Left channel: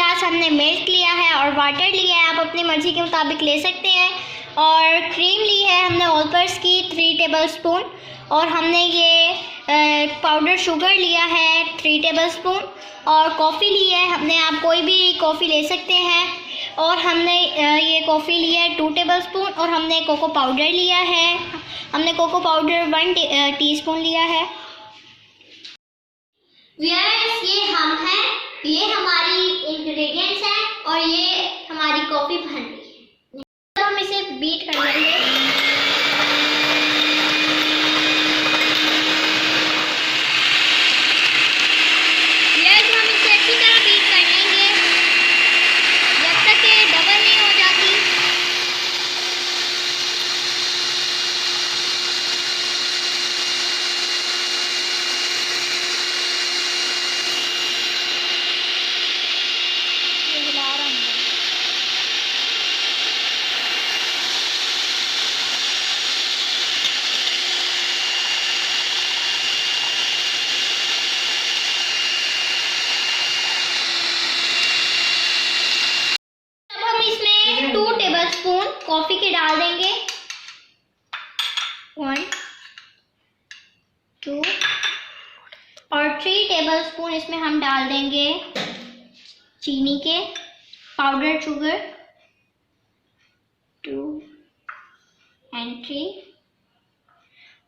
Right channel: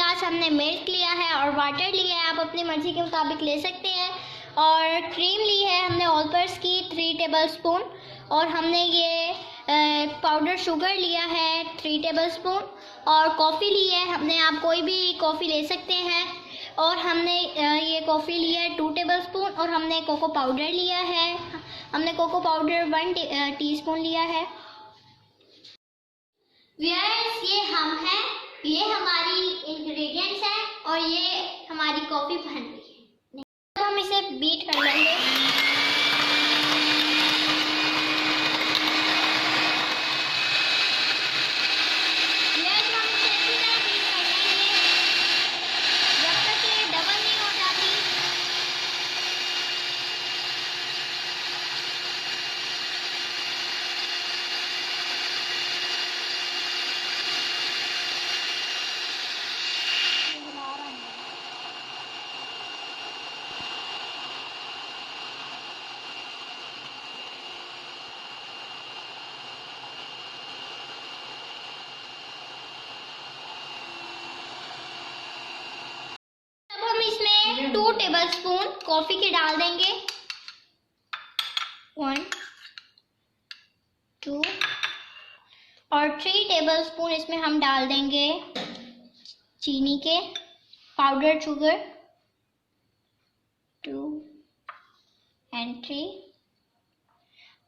गिलास हमने मिल्क लिया है और वाटर लिया है, आप अपनी मर्ज़ी के मुताबिक ले सकते हैं। और क्रीम ली है हमने ऑलपर्स की 3 टेबलस्पून, और हमने ये पाउडर शुगर लिया है 3 टेबलस्पून, और कॉफ़ी ली है हमने, आप कोई भी कॉफ़ी ले सकते हैं। और हमने ये कॉफ़ी लिया है 2 टेबलस्पून, और हमने कोको पाउडर लिया है, हमने कोको पाउडर 1 टीस्पून लिया है। व्यूअर्स, ये हम हैं, ये हमारी इंग्रेडिएंट्स हैं और ये हमारी कॉफ़ी बन रही है। तो हम इसे बीट कर लेंगे। इसमें 2 टेबलस्पून कॉफ़ी के डाल देंगे, 1 2, और 3 टेबलस्पून इसमें हम डाल देंगे चीनी के, पाउडर शुगर 2 and 3,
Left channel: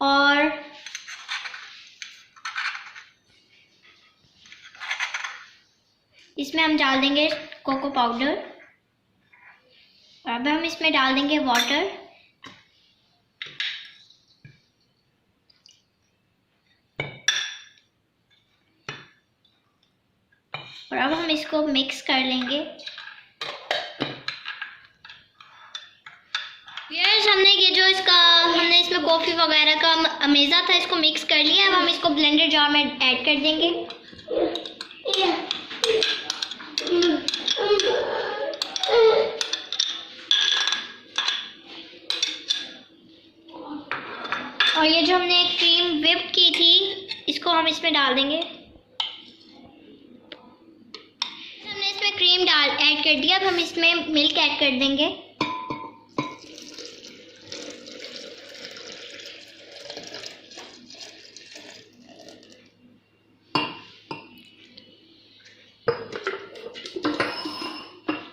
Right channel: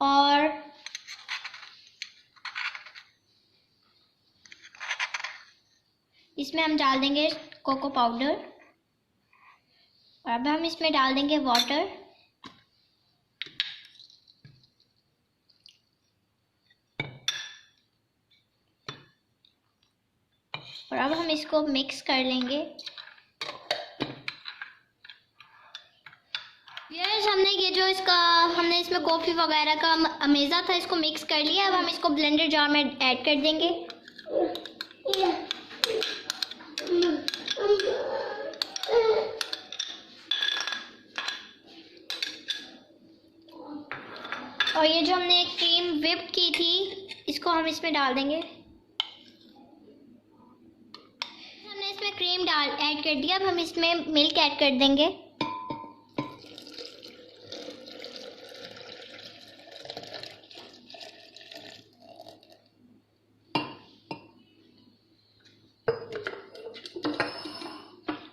और इसमें हम डाल देंगे कोको पाउडर। अब हम इसमें डाल देंगे वाटर, और अब हम इसको मिक्स कर लेंगे। व्यूअर्स, हमने ये जो हमने इसमें कॉफ़ी वगैरह का अमेज़ा था, इसको मिक्स कर लिया। अब हम इसको ब्लेंडर जार में ऐड कर देंगे। और ये जो हमने क्रीम व्हिप की थी, इसको हम इसमें डाल देंगे। हमने इसमें क्रीम ऐड कर दिया। अब हम इसमें मिल्क ऐड कर देंगे।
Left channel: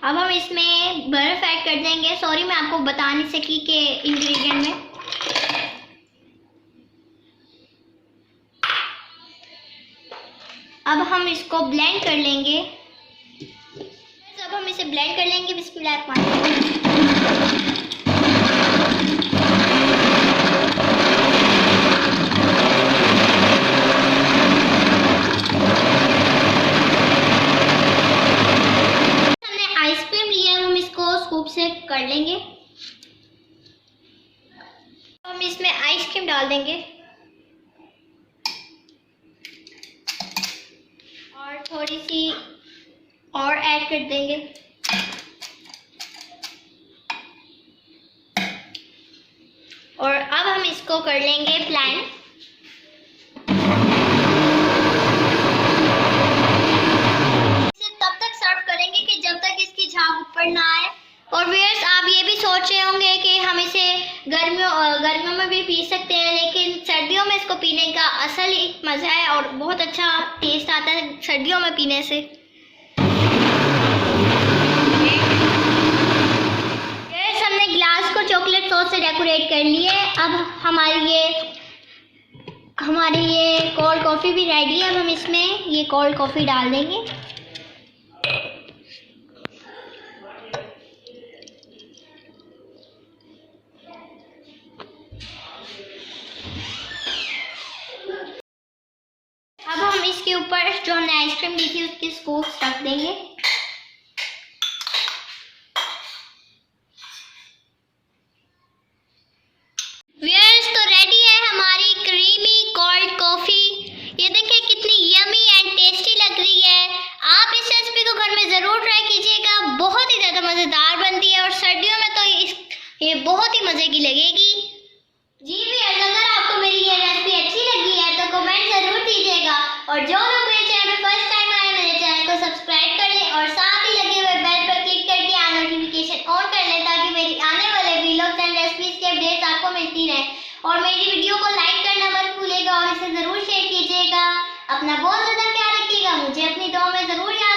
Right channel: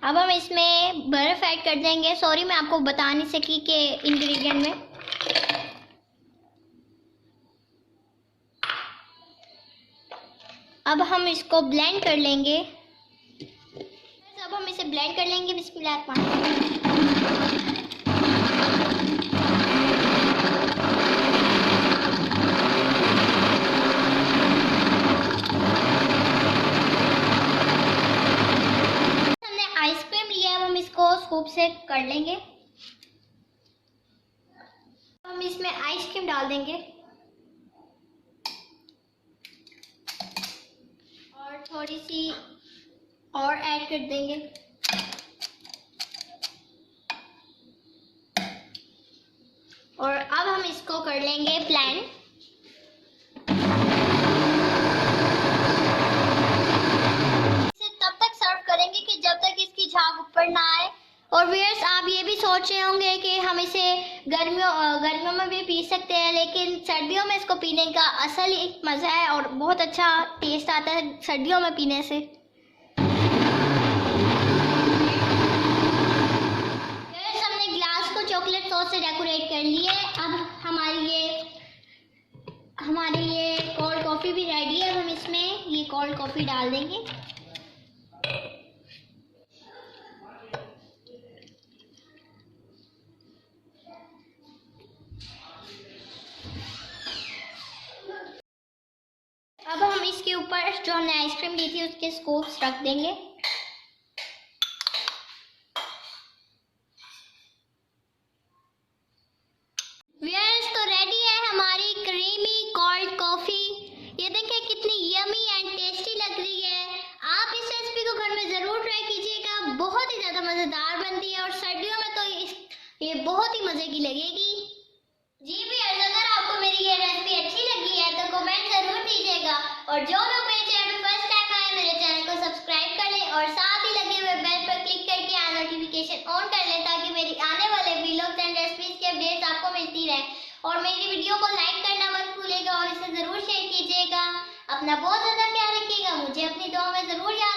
अब हम इसमें बर्फ़ ऐड कर देंगे। सॉरी, मैं आपको बता नहीं सकी कि इंग्रेडिएंट में। अब हम इसको ब्लेंड कर लेंगे। अब हम इसे ब्लेंड कर लेंगे। बिस्मिल्लाह। स्कूप से कर लेंगे। हम इसमें आइसक्रीम डाल देंगे और थोड़ी सी और ऐड कर देंगे। और अब हम इसको कर लेंगे प्लान। इसे तब तक सर्व करेंगे कि जब तक इसकी झाग ऊपर ना आए। और व्यूअर्स, आप ये भी सोच रहे होंगे कि हम इसे गर्मियों में भी पी सकते हैं, लेकिन सर्दियों में इसको पीने का असल ही मज़ा है और बहुत अच्छा टेस्ट आता है सर्दियों में पीने से। व्यूअर्स, हमने ग्लास को चॉकलेट सॉस से डेकोरेट कर लिया है। अब हमारी ये कोल्ड कॉफ़ी भी रेडी है। अब हम इसमें ये कोल्ड कॉफ़ी डाल देंगे। अब हम इसके ऊपर जो हमने आइसक्रीम ली थी उसके स्कूप्स रख देंगे। व्यूअर्स, तो रेडी है हमारी क्रीमी कोल्ड कॉफ़ी। ये देखिए कितनी यमी एंड टेस्टी लग रही है। आप इस रेसिपी को घर में ज़रूर ट्राई कीजिएगा, बहुत ही ज़्यादा मज़ेदार बनती है और सर्दियों में तो ये बहुत ही मज़े की लगेगी। जी व्यूअर्स, अगर आपको मेरी ये रेसिपी अच्छी लगी है तो कमेंट ज़रूर कीजिएगा, और जो लोग मेरे चैनल पर फर्स्ट टाइम आए मेरे चैनल को सब्सक्राइब कर लें और साथ ही मिलती रहे। और मेरी वीडियो को लाइक करना मत भूलिएगा और इसे ज़रूर शेयर कीजिएगा। अपना बहुत ज़्यादा प्यार रखिएगा, मुझे अपनी दुआ में ज़रूर याद